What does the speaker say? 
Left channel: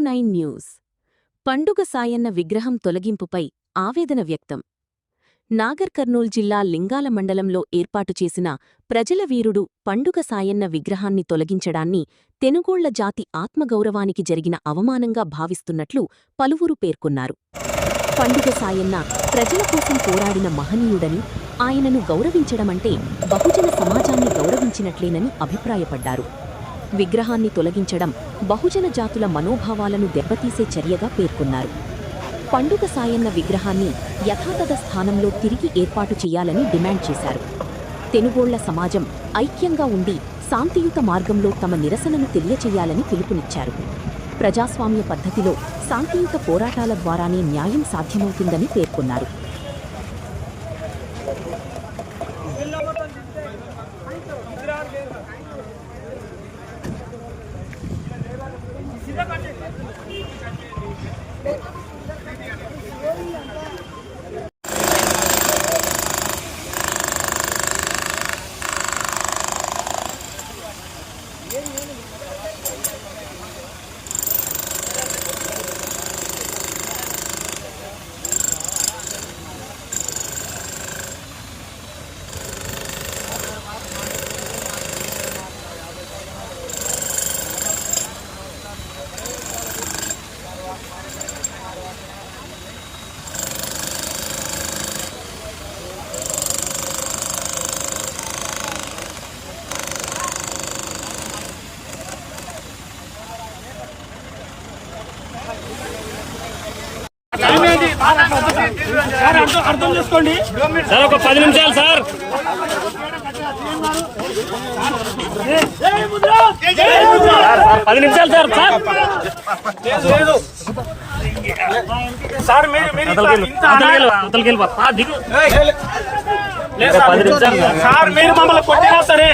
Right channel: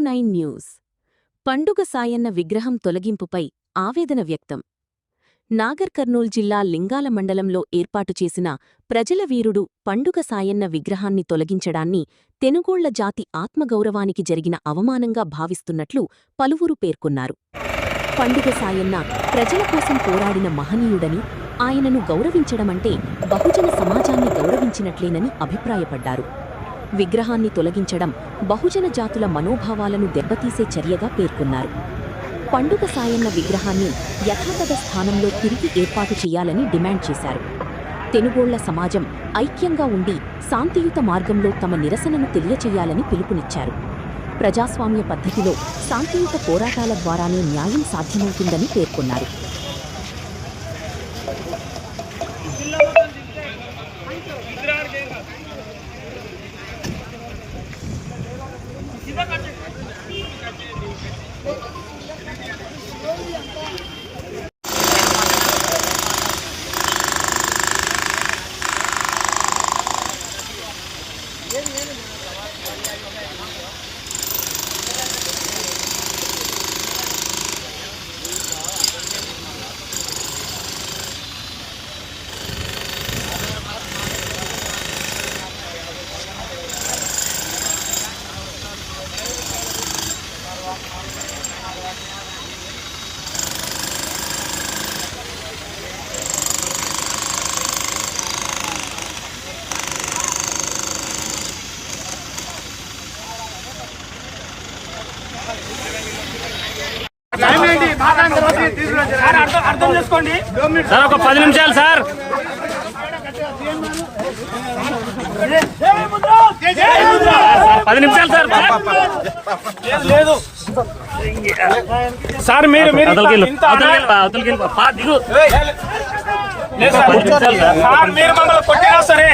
09 news. పండుగ సాయన్న విగ్రహం తొలగింపుపై ఆవేదన వ్యక్తం. నాగర్ కర్నూల్ జిల్లా లింగాల మండలంలో ఏర్పాటు చేసిన ప్రజల వీరుడు పండుగ సాయన్న విగ్రహాన్ని తొలగించడాన్ని తెనుగోళ్ల జాతి ఆత్మగౌరవానికి జరిగిన అవమానంగా భావిస్తున్నట్లు పలువురు పేర్కొన్నారు. పండుగ సాయన్న ప్రజల కోసం పోరాడిన మహనీయుడని, ఆయనను గౌరవించడమంటే బహుజన సమాజాన్ని గౌరవించినట్లేనని అభిప్రాయపడ్డారు. విగ్రహాన్ని తొలగించడం బహుజన జాతుల మనోభావాలను దెబ్బతీసే చర్యగా పేర్కొన్నారు. పండుగ సాయన్న విగ్రహాన్ని యథాతథ స్థానంలో తిరిగి ఏర్పాటు చేయాలని డిమాండ్ చేశారు. తెనుగోళ్ల సమాజం ఐక్యంగా ఉండి శాంతియుత మార్గంలో తమ నిరసనను తెలియచేయాలని పిలుపునిచ్చారు. ప్రజాస్వామ్య పద్ధతిలో శాంతియుత పోరాటాల ద్వారానే న్యాయం సాధ్యమవుతుందని పేర్కొన్నారు. అర్థం చేసుకోండి సార్, ఒక 10 నిమిషాలు సార్. సార్ 10 నిమిషాలు సార్. లేదు సార్, మీరు దిగు. సార్ మీరు మమ్మల్ని కొట్టినా సరే